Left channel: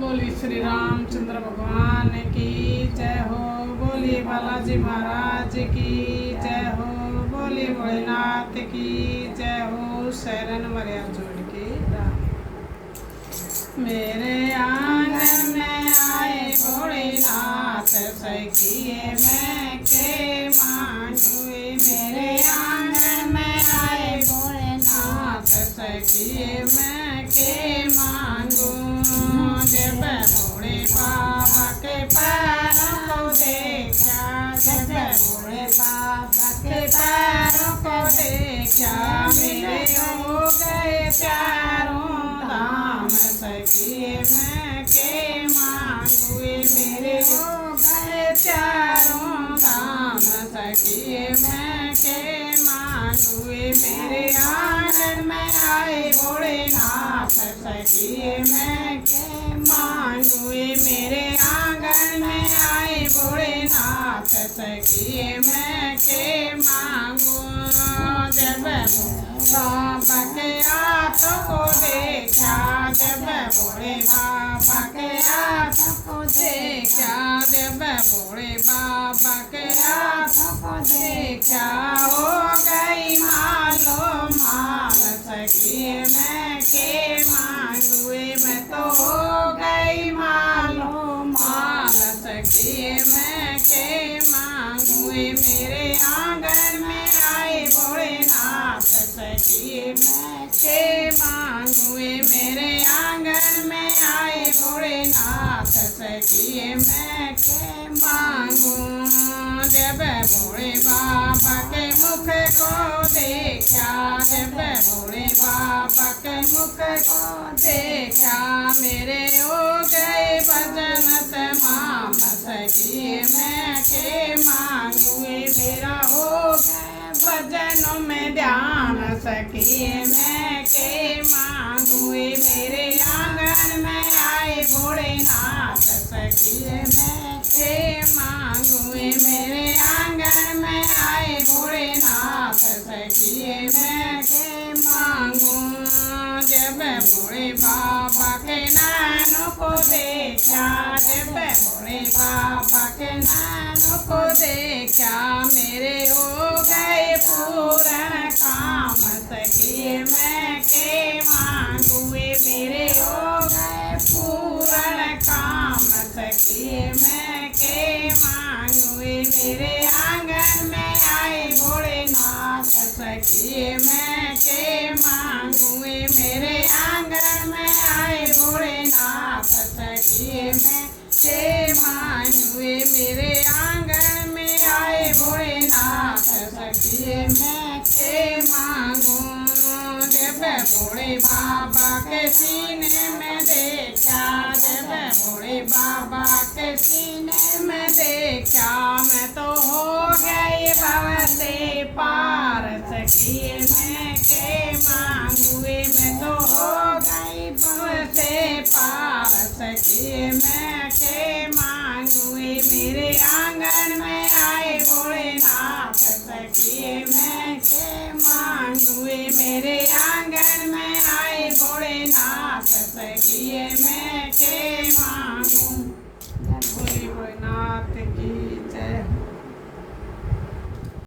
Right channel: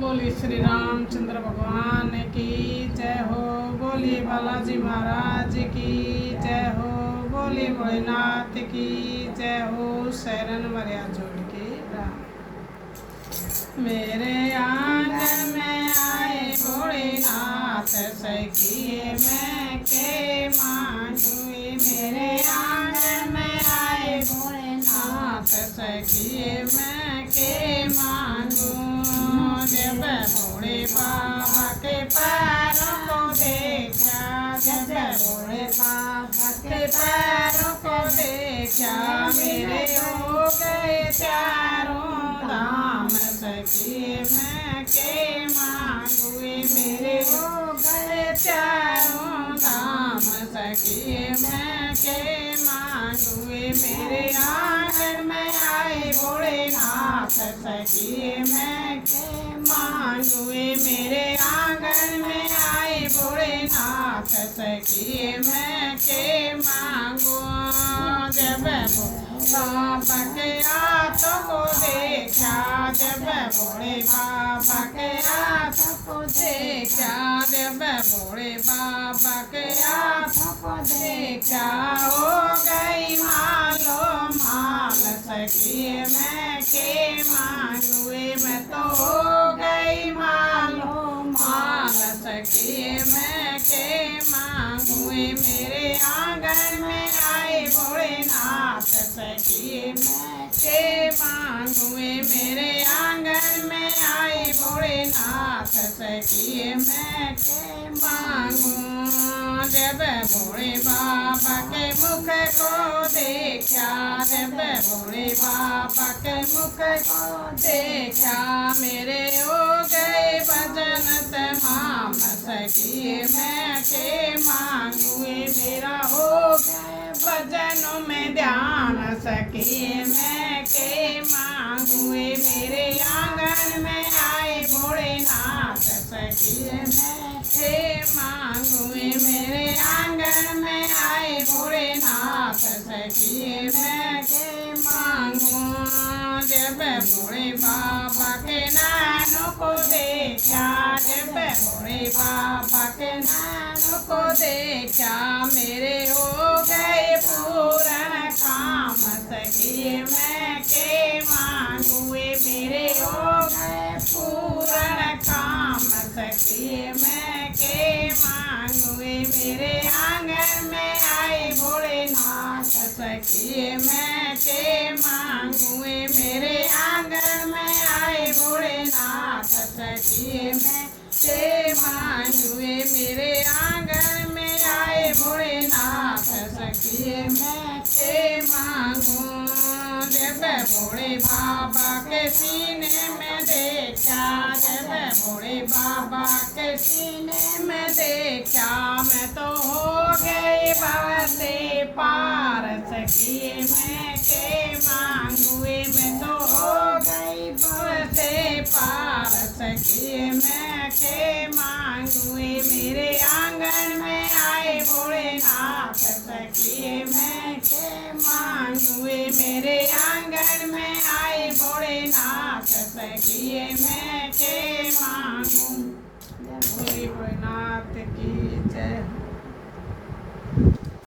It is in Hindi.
बोली श्री रामचंद्र भगवान की जय हो। बोली बालाजी महाराज की जय हो। बोली भोलेनाथ की जय हो। शरण मरिया जोड़ के राम। मेरे आंगन में आए भोलेनाथ सखिए मैं के मांगुए। मेरे आंगन में आए भोलेनाथ सखिए मैं के मांगू। जब भोले बाबा के पैरों को देखा, जब भोले बाबा के पैरों को देखा, मेरे हो गए चारों धाम सखिए मैं के मांगुए। मेरे हो गए चारों धाम सखिए मैं के मांगुए। मेरे आंगन में आए भोलेनाथ सखिए मैं के मांगुए। मेरे आंगन में आए भोलेनाथ सखिए मैं के मांगू। जब बाबा के हाथों को देखा, जब भोले बाबा के हाथों को देखा, जब भोले बाबा के हाथों को देखा, हो गई मालो माल सखिए मैं के मांगुए। मैं तो हो गई मालो माल सखिए मैं के मांगुए। मेरे आंगन में आए भोलेनाथ सखिए मैं के मांगुए। मेरे आंगन में आए भोलेनाथ सखिए मैं के मांगू। जब भोले बाबा के मुख को देखा, जब भोले बाबा के मुख को देखा, मेरे हो गए भजन तमाम सखिए मैं के मांगुए। मेरा हो भजनों में ध्यान सखिए मैं के मांगुए। मेरे आंगन में आए भोलेनाथ सखिए मैं के मांगुए। मेरे आंगन में आए भोलेनाथ सखिए मैं के मांगू। जब भोले बाबा के नैनों को देखा, जब भोले बाबा के नैनों को देखा, मेरे हो गए पूर्ण काम सखिए मैं के मांगुए। मेरे हो गए पूर्ण काम सखिए मैं के मांगुए। मेरे आंगन में आए भोलेनाथ सखिए मैं के मांगुए। मेरे आंगन में आए भोलेनाथ सखिए मैं के मांगुए। मेरे आंगन में आए भोलेनाथ सखिए मैं के मांगू। जब भोले बाबा के सीने में देखा, जब भोले बाबा के सीने में देखा, मैं तो हो गई भव से पार सखिए मैं के मांगुए। मैं तो हो गई भव से पार सखिए मैं के मांगुए। मेरे आंगन में आए भोलेनाथ सखिए मैं के मांगुए। मेरे आंगन में आए भोलेनाथ सखिए मैं के मांगू। बोली भोलेनाथ की